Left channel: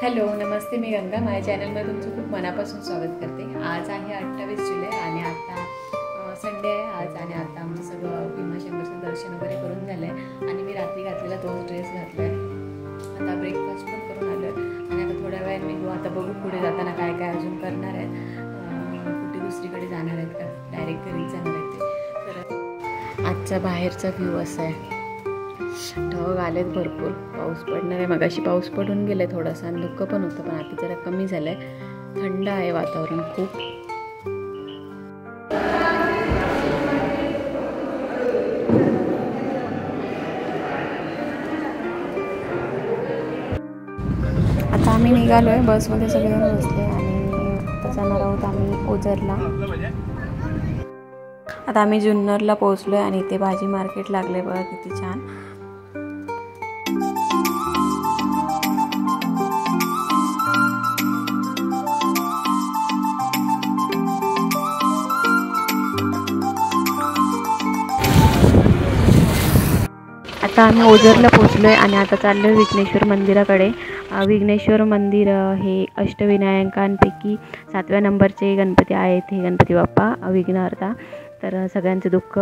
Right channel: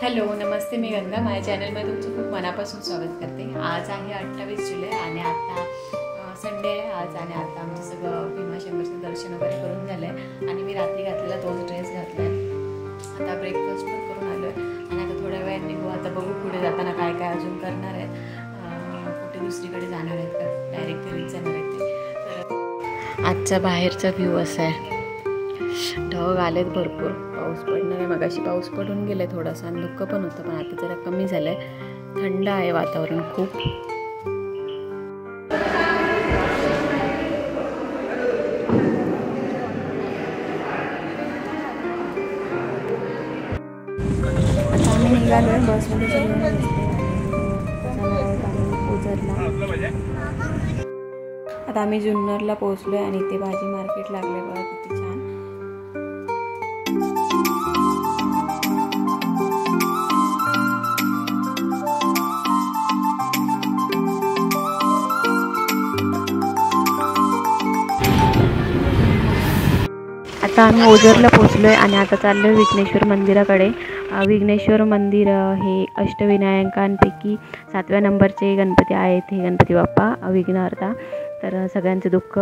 Hello नमस्ते, मी गंगा. माझ्या चॅनलमध्ये तुमचं खूप मनापासून स्वागत करते. आज आहे 28 जुलै आणि आता संडे आहे आज. आणि आता आमचं सगळं भीमाशंकरचं दर्शन वगैरे करून झालं आहे आणि मी रात्री घातलेला तोच ड्रेस घातला आहे. आता ब्रेकफास्ट पण करून आलो आहे आणि आता थोड्या वेळाने निघू. आता बघू पुढे जाताना काय काय अजून करणार आहेत. कुठे दुसरीकडे जाणार आहेत का डायरेक्ट घरी जाणार आहेत ते. तर आजचा बाहेरचा व्ह्यू असा आहे. ढग आलेत भरपूर, पाऊस पडणार आहे. मगाशी पाऊस पडून गेले थोडासा आणि धुकं पण होतं, पण आता जरा कमी झालं आहे. थंड आहे वातावरण खूप. आता आम्ही निघालो आहे, बसमध्ये सगळेजण बसले आणि जाणार आहोत आम्ही ओझरला. आता आम्ही जुन्नरला पोहोचलो आहे आणि इथे भाजी मार्केट लागले. बघा किती छान. आता आम्ही ओझरला पोहोचलो आहे आणि आता चाललो आहे विघ्नेश्वर मंदिराकडे. विघ्नेश्वर मंदिर हे अष्टविनायकांपैकी 7व्या नंबरचे गणपती आहेत. हे गणपती बाप्पा विघ्नहर्ता, तर सगळ्यांचे दुःख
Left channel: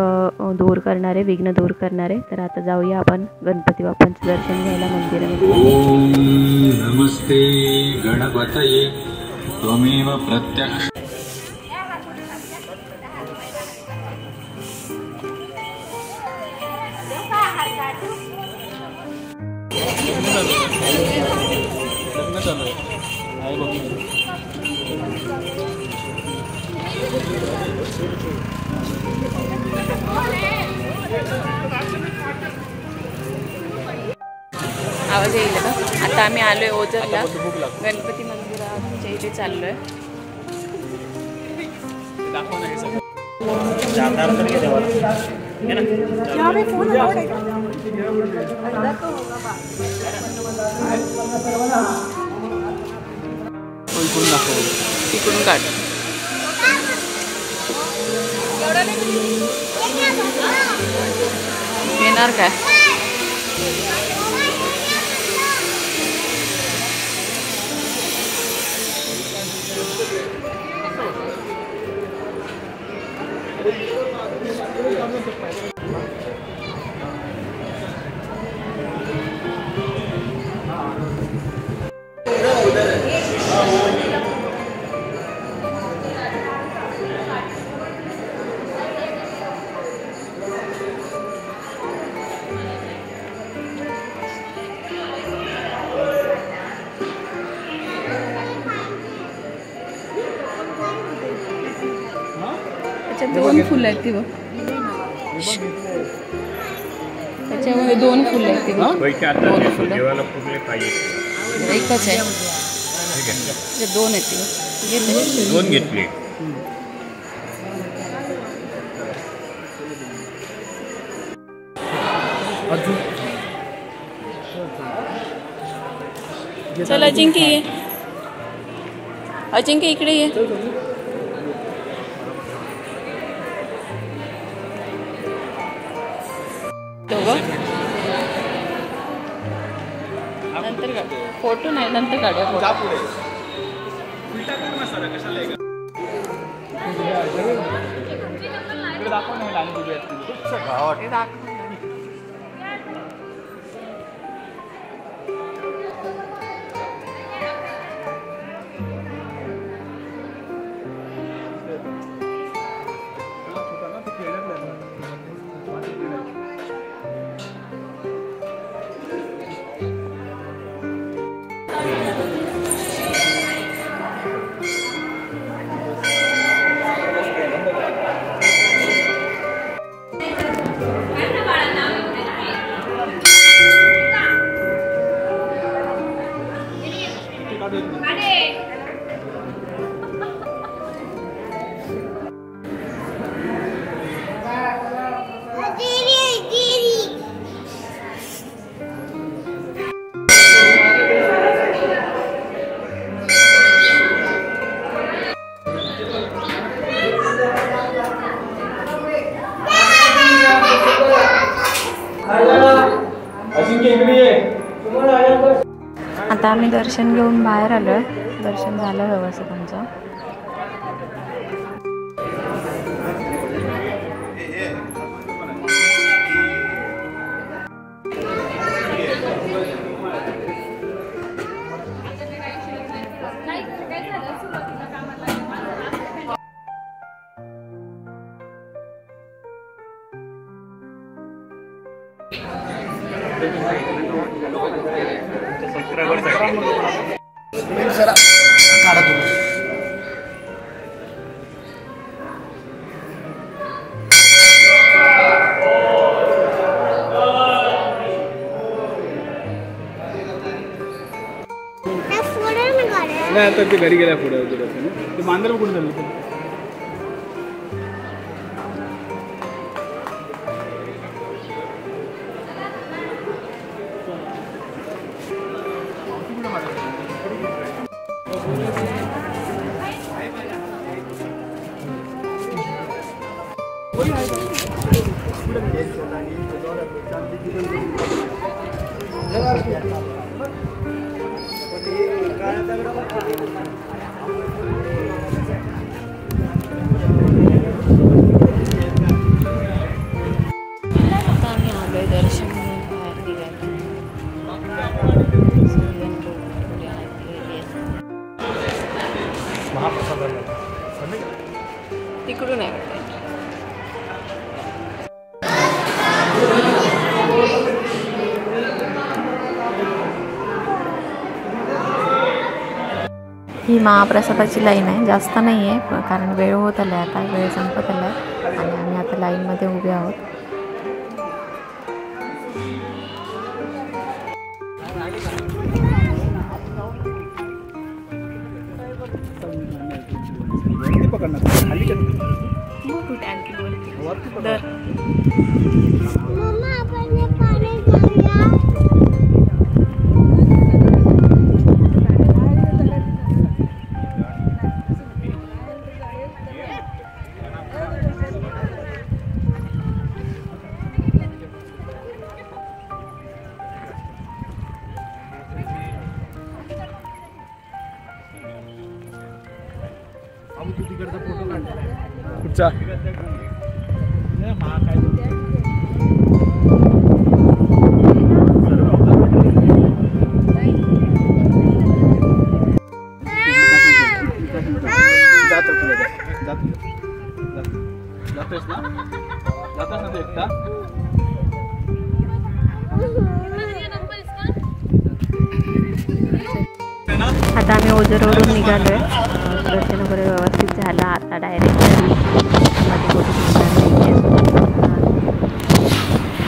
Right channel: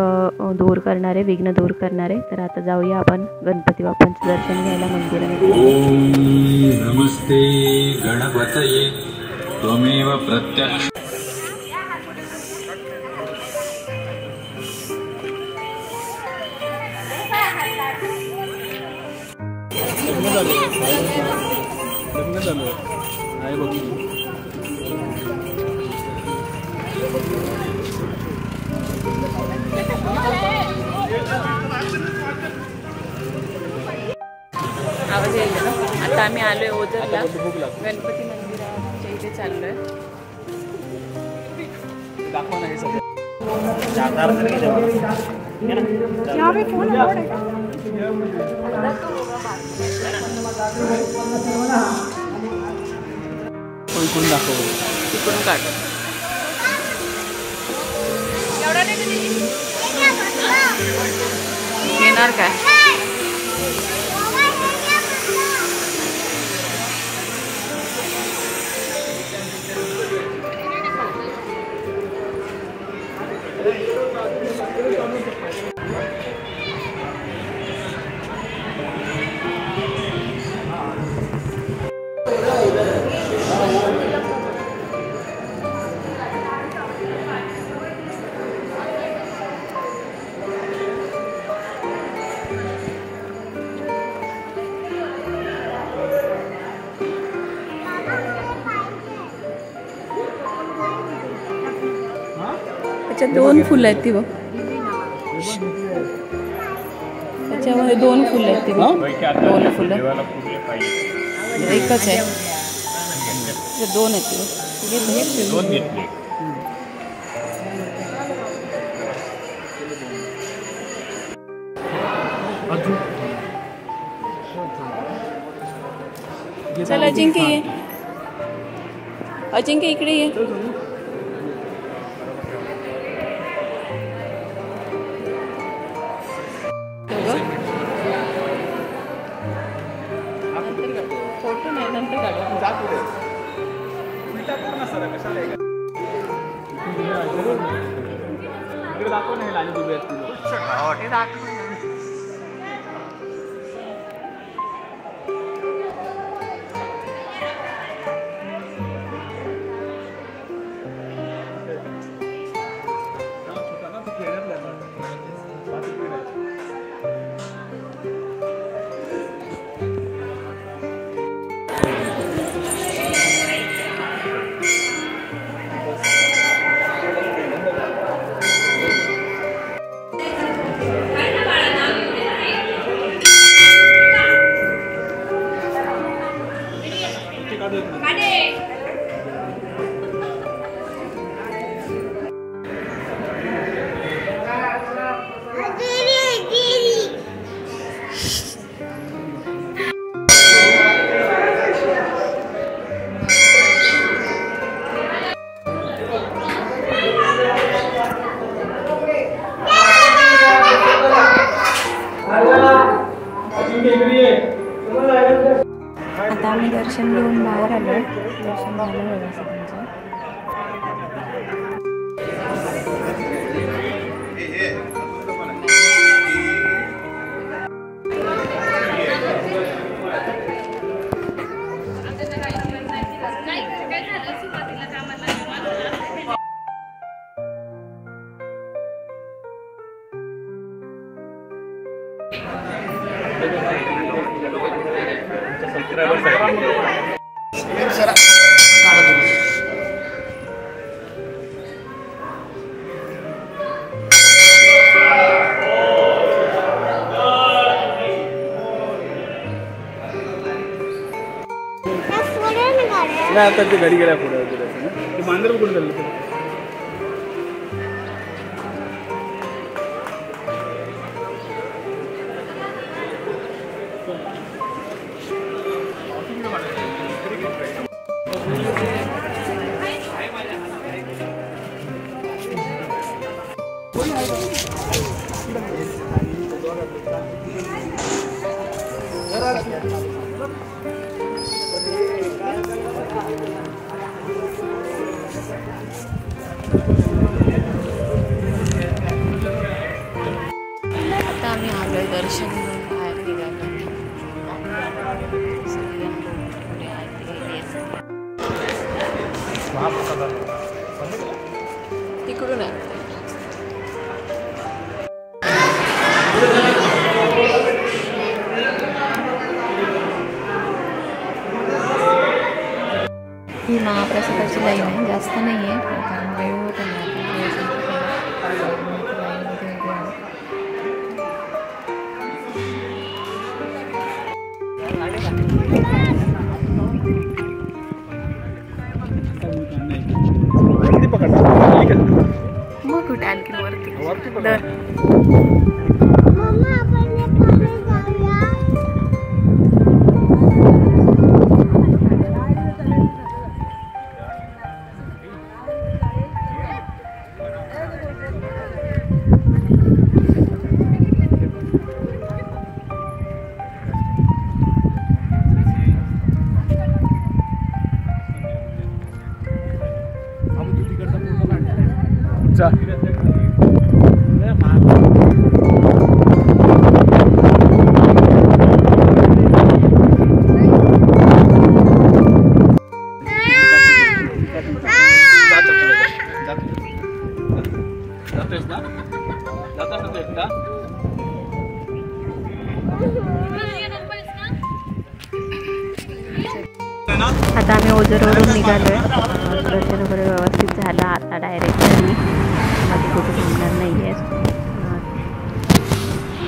दूर करणारे, विघ्न दूर करणारे. तर आता जाऊया आपण गणपती बाप्पांचं दर्शन घ्यायला मंदिरामध्ये. ओम नमस्ते गणपतये त्वमेव प्रत्यक्ष. आवाज येईल का? आता आम्ही आलोय ओझरला, गणपती मंदिराच्या इथे चाललोय. तिकडून काढ. येणार काय? अच्छा, 2 फुलं आहेत ती बघ. त्याच्यामध्ये 2 फुलं आहेत ती बघ. 2 फुलं एकच आहे. 2 आहेत ती बघ. घेतले 2 घेतले. चल अजिंक्य ये. अजिंक्य इकडे ये. फोटो नाही, नंतर काढा. उलटा कर ना सर, कशाला आहे दाखव नाही लाईन दिली आहे. दाखव. आता आम्ही दर्शन घेऊन बाहेर आलो आहे. दर्शन झालं व्यवस्थित आमचं. नाही आता ते घरी गेल्या पुढे ते मांजर कुठून गेलं आता आम्ही आलोय दर्शन घेऊन बाहेर निघालो. तिकडून आहे वाटतं. ही महाप्रसादाची लाईन आहे. जास्त नाही आहे कारण वेळ होत आला. आता वेळ संपत आला आणि आम्ही आता लाईनमध्ये उभे आहोत. मग कुठे आणखी वरती दर चा जातोस ना एकदा आता आम्ही ओझरवरून निघालोय. दर्शन वगैरे व्यवस्थित झालं. आता डायरेक्ट घरी मध्ये कुठे थांबणार नाही आहे.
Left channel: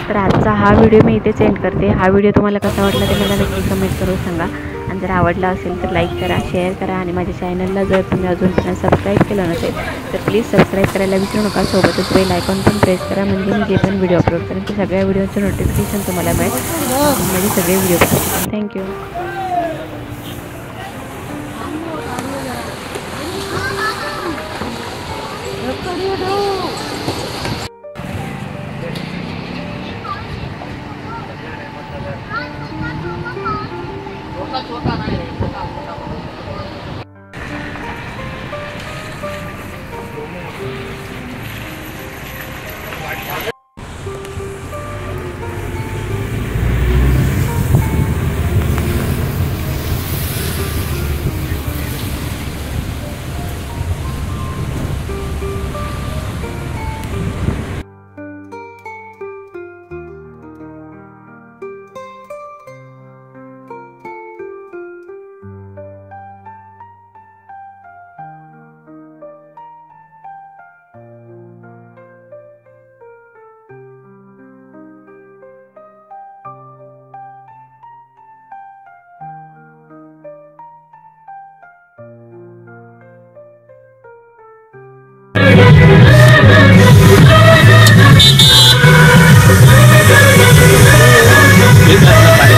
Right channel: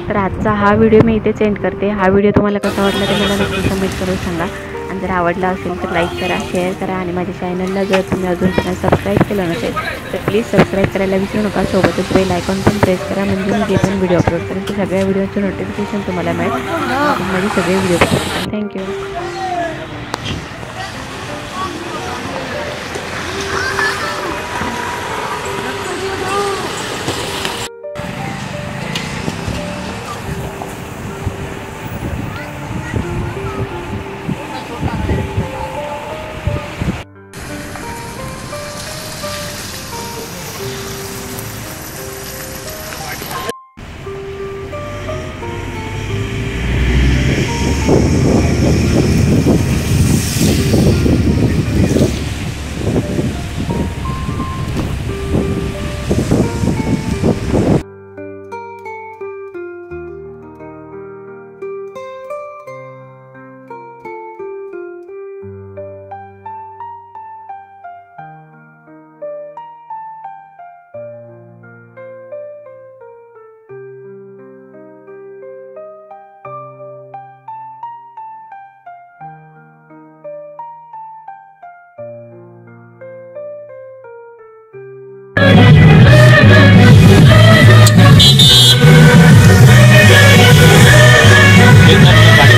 तर आजचा हा व्हिडिओ मी इथेच एंड करते. हा व्हिडिओ तुम्हाला कसा वाटला ते मला नक्की कमेंट करून सांगा. आणि जर आवडला असेल तर लाईक करा, शेअर करा आणि माझ्या चॅनलला जर तुम्ही अजूनपर्यंत सबस्क्राईब केलं नसेल तर प्लीज सबस्क्राईब करायला विसरू नका. सोबतच बेल आयकॉन पण प्रेस करा म्हणजे मी जे पण व्हिडिओ अपलोड करेन ते सगळ्या व्हिडिओचं नोटिफिकेशन तुम्हाला मिळेल. माझे सगळे व्हिडिओ बघू शकाल. थँक्यू. Gracias.